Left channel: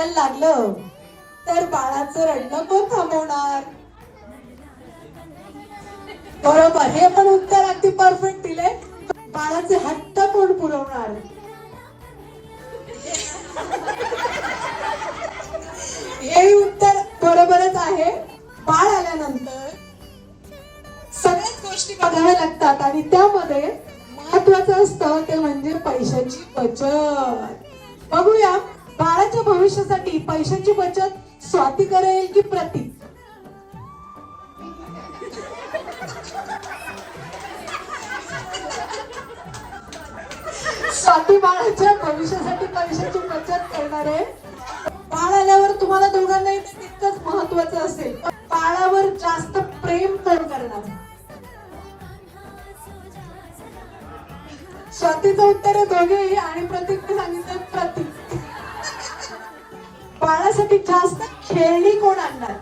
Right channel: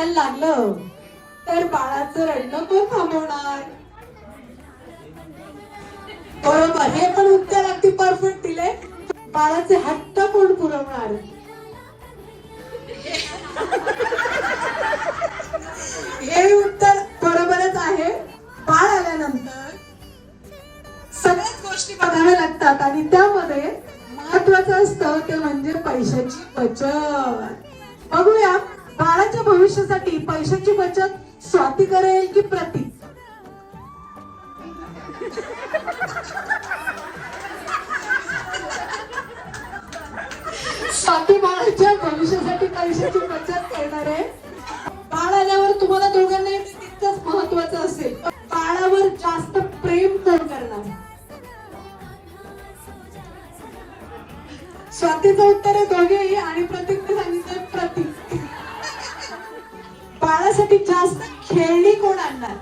रडायला लागलं तर बाळाचं रडणं कोण थांबवणार? बरोबर, हे पण उत्तर अगदी परफेक्ट दिले. बाळाचे हट्ट कोण पुरवणार? हे उत्तर बरोबरच आहे. बाळ आल्यानंतर सगळ्याच गोष्टी बघाव्या लागतात आणि त्यामध्ये महत्वाचं असतं ते म्हणजे पैशाची बचत. बघूया बाळाच्या भविष्यासाठी पैशाची बचत स्वाती करेल की प्रतीक? स्वाती बाळाच्या भविष्यासाठी पैशाची बचत करणार आहे. बाळ आल्यावर तुम्हाला दोघांनाही तितकंच महत्वाचं असेल, बाळावर जास्त प्रेम कोण करणार? स्वातीचं उत्तर आहे दोघेही आणि प्रतीकने सांगितलं प्रतीक. बाळासाठी जास्त खेळणी कोण आणणार?